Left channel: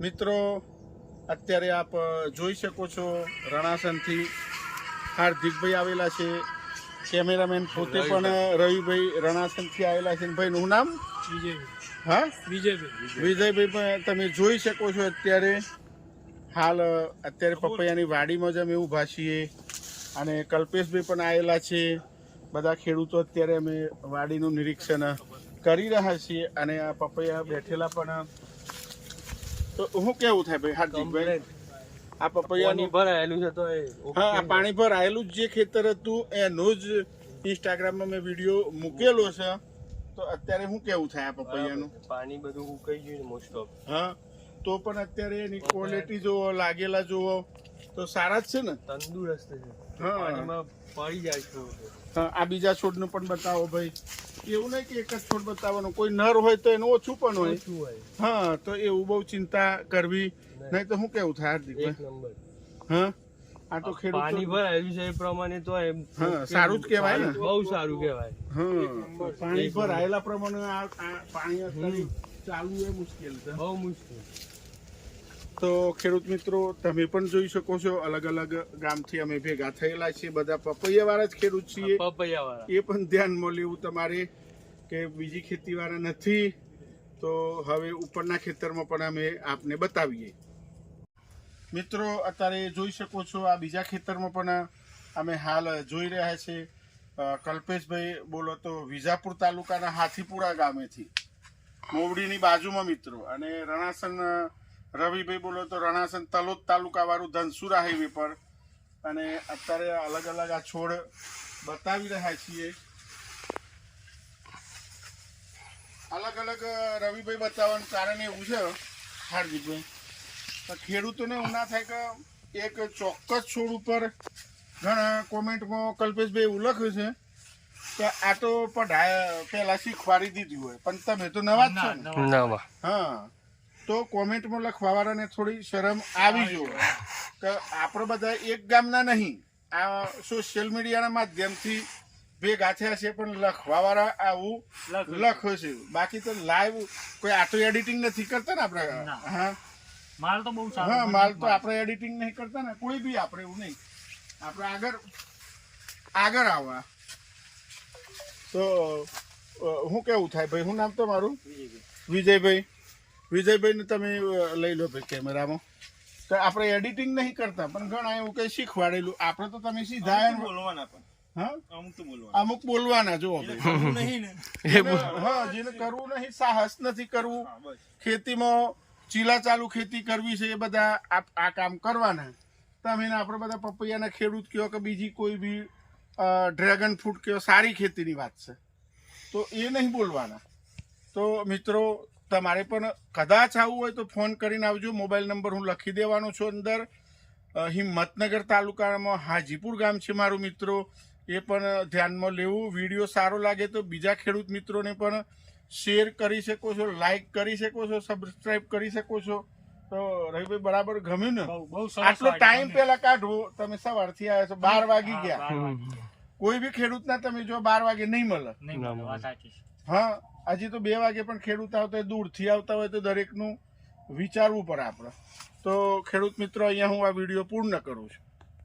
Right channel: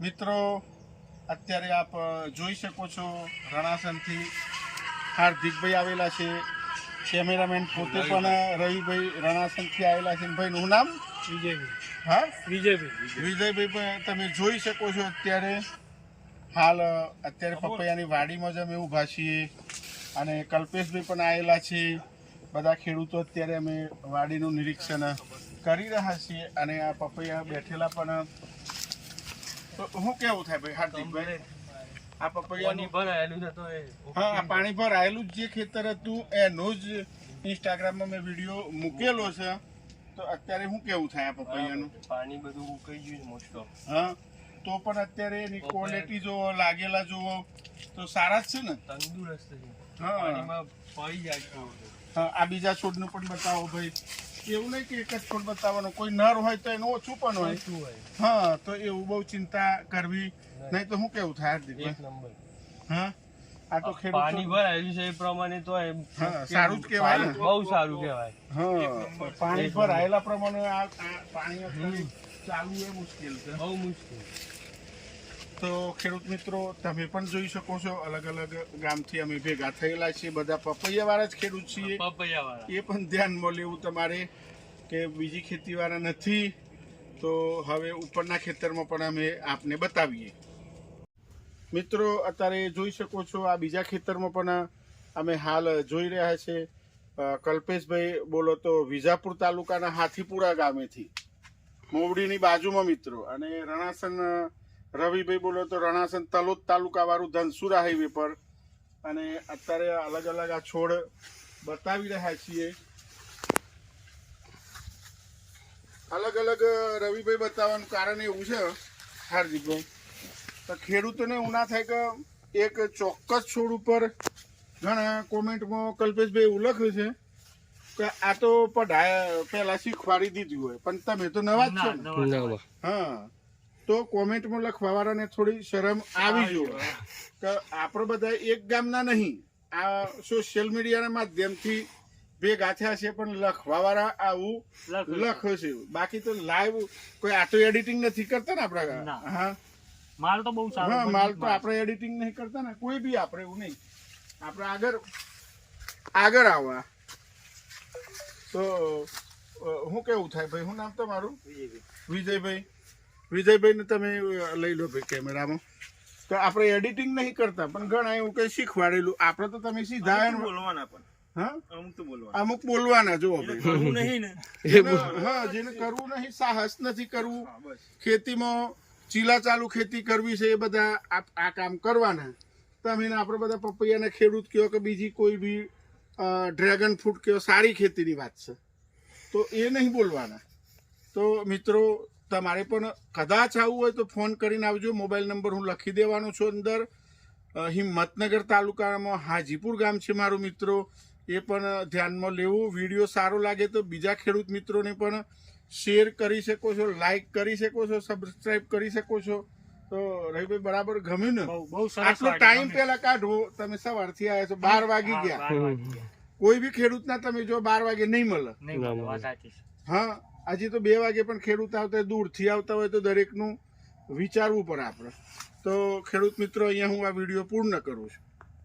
મિત્રો અત્યારે આપ જોઈ શકો છો રણાસનથી હાર્દિકભાઈ આવેલા છે. કેમેરામેન પોતે પણ રવિભાઈ રણાસનથી આવેલા છે ભાઈ નું નામ? હા? વિજયભાઈ. વિજયભાઈ પણ તમે જોઈ શકો છો અત્યારે હાલ અત્યારે પપૈયાની વાડીમાં જ અમે ઊભા છીએ અને કલ્પેશભાઈ પણ આવેલા છે. બધા ખેડૂતો અત્યારે અમે વાડીનું નિરીક્ષણ કરી રહ્યા છીએ અને આ પપૈયા બેઠેલા પણ તો શું કેવું થાય ભાઈ હાર્દિકભાઈ આ પપૈયાનું ભરાયેલું છે તો હા પાણી ભરાયેલું જે ખેતર હતું એનો જ ઇન્સ્ટાગ્રામમાં મેં વીડિયો મૂકેલો છે. તો અત્યારે શું કેવું થાય આ પપૈયાનું પાણી બધું ઉકાઈ ગયું મોસ્ટ ઓફ હા તો પણ અત્યારે એની ક્વોલિટી જોવો લાગેલા જોવો. તો સારા જ છે ને? તંદુરસ્ત છે. પાણીમાં પડી જાય છે આ બીજા છોડનું પણ બતાવો ભાઈ. એવું નહીં કે એક જ છોડ બતાવવાનો. કોઈ નર હોય તો એનું ઓછું પણ હોય. હા તો એવું બહુ ચિંતા કરવી નહીં. તો શું કેવું થાય એક નંબર. હા? આ તો પાણી ખેડૂત ભરાયેલું છે એ પ્રમાણે તો એમ સારું જ કહેવાય ને. બહુ સારું કહેવાય. હા પાણી ભરાયેલા પ્રમાણે આ આ પાણી ચાલુ એ મુશ્કેલ છે. બહુ મુશ્કેલ. તો ખેડૂત મિત્રો તમે પણ જોઈ શકો છો અલગ અલગ ગામથી અમે ભેગા થયેલા છીએ. બધા પપૈયાવાળા જ ખેડૂત છીએ. એ પણ ધ્યાનમાં લેવું તમારે કે બીજી ખેતીવાળા નથી. તો હવે ઉપરના ખેતરમાં પણ અમે આપને બતાવીએ. મિત્રો અત્યારે જોઈ શકો છો આ બીજા ખેતરમાં પણ અમે હાલ જોઈ રહ્યા છે. કલ્પેશભાઈ બોલો તો વિજાપુર તાલુકાના હાથીપુરા ગામેથી. મોવડીની બાજુમાં મિત્રો અને રણાસન રવિભાઈ બોલો તો રણાસન તલોદ તાલુકા વાળું ધનસુરા હાઈવે પર. અને અત્યારે અલગ અલગ આ છોડ બતાવી રહ્યા છીએ. અલગ અલગ રવિભાઈ બતાવવાનું કારણ એવું છે હાર્દિકભાઈ તો ખેડૂતોને એવું ના થાય કે એક ચોક્કસ છોડ ઉપર ઘણા કોમેન્ટમાં કલ્પેશભાઈ એવું લખ્યું છે કે આ તો પઢાય પહેલા શીખવાડી દીધી હોય. પણ તમે તો નવા જ છો નવા. હા. તો કોમેન્ટમાં લખવાવાળાને થોડી શરમ આવી જોઈએ કે આપણે બધા એક ગામના નહીં આ સોશિયલ મીડિયાના માધ્યમથી ભેગા થયા છે પણ લખવાવાળા આવું લખો છે. બાકી તો લાઈવ કોઈ આ તો એડિટિંગ નથી કરતા ને આપણે હા. માલ તો બહુ સારો હા માલ તો આપણે એડિટિંગ નહીં કરતા ને કોઈ બી આપણે એવું નહીં. આપણે આગળ આગળ આવવા તો હું કેવું થાય? ભાઈ શું નામ તમારું? વિજયભાઈ. વિજયભાઈને તમે લઈ લો ભાઈ કેમેરામાં. તો આપણે એડિટિંગ નહીં કરતા પણ ઘણા એવું કંઈ શીખવાડેલું. આપણે તો તમે સીધા બોલવાના પણ. અમુક તો બોલવાના. જો હા જેને કરવું નહીં સાહસ નથી કરવું. ખેતીમાં ચીલા ચાલુ ખેતી કરવી છે એ બધા આ કામ કરવાના. તમે આપણે બધા પપૈયાના ખેડૂત કયો કે બીજી કોઈ બી ડ્રેગન ફ્રૂટ કયો સારી ખેતીની વાત છે. તો એ નહીં બોલવાના. તો મિત્રો તમારે પણ કદાચ આવવું હોય તો ફોન કરીને આવજો. મોબાઈલ નંબર હું લખી દેવાનો છું અંદર. હિંમતનગર તાલુકામાં હાજીપુર ગામ છે મારું મિત્રો. એ પણ ધ્યાનમાં લેવું. વીડિયો સારો લાગે તો બીજા ખેડૂત મિત્રોને પણ શેર કરી શકો છો લાઈક કરી શકો છો સબસ્ક્રાઈબ કરી શકો છો. તો રવિભાઈ બરાબર ગમ્યું ને? આટલો ટાઈમ. પેલા કાઢવો તમે સવારથી આવ્યા છો. બાર વાગી ગયા. કોઈ બી ખેડૂતના તમે જો બાર વાગે નહીં મળે. હા. હજી તો બે વાગે પણ ખેડૂત આવતા હોય, દૂરથી આવતા હોય તો દરેકનું વિચારવું પડે આપણે. તો ખેડૂત મિત્રો, અહીંયા હું આ વીડિયો પૂર્ણ કરું છું.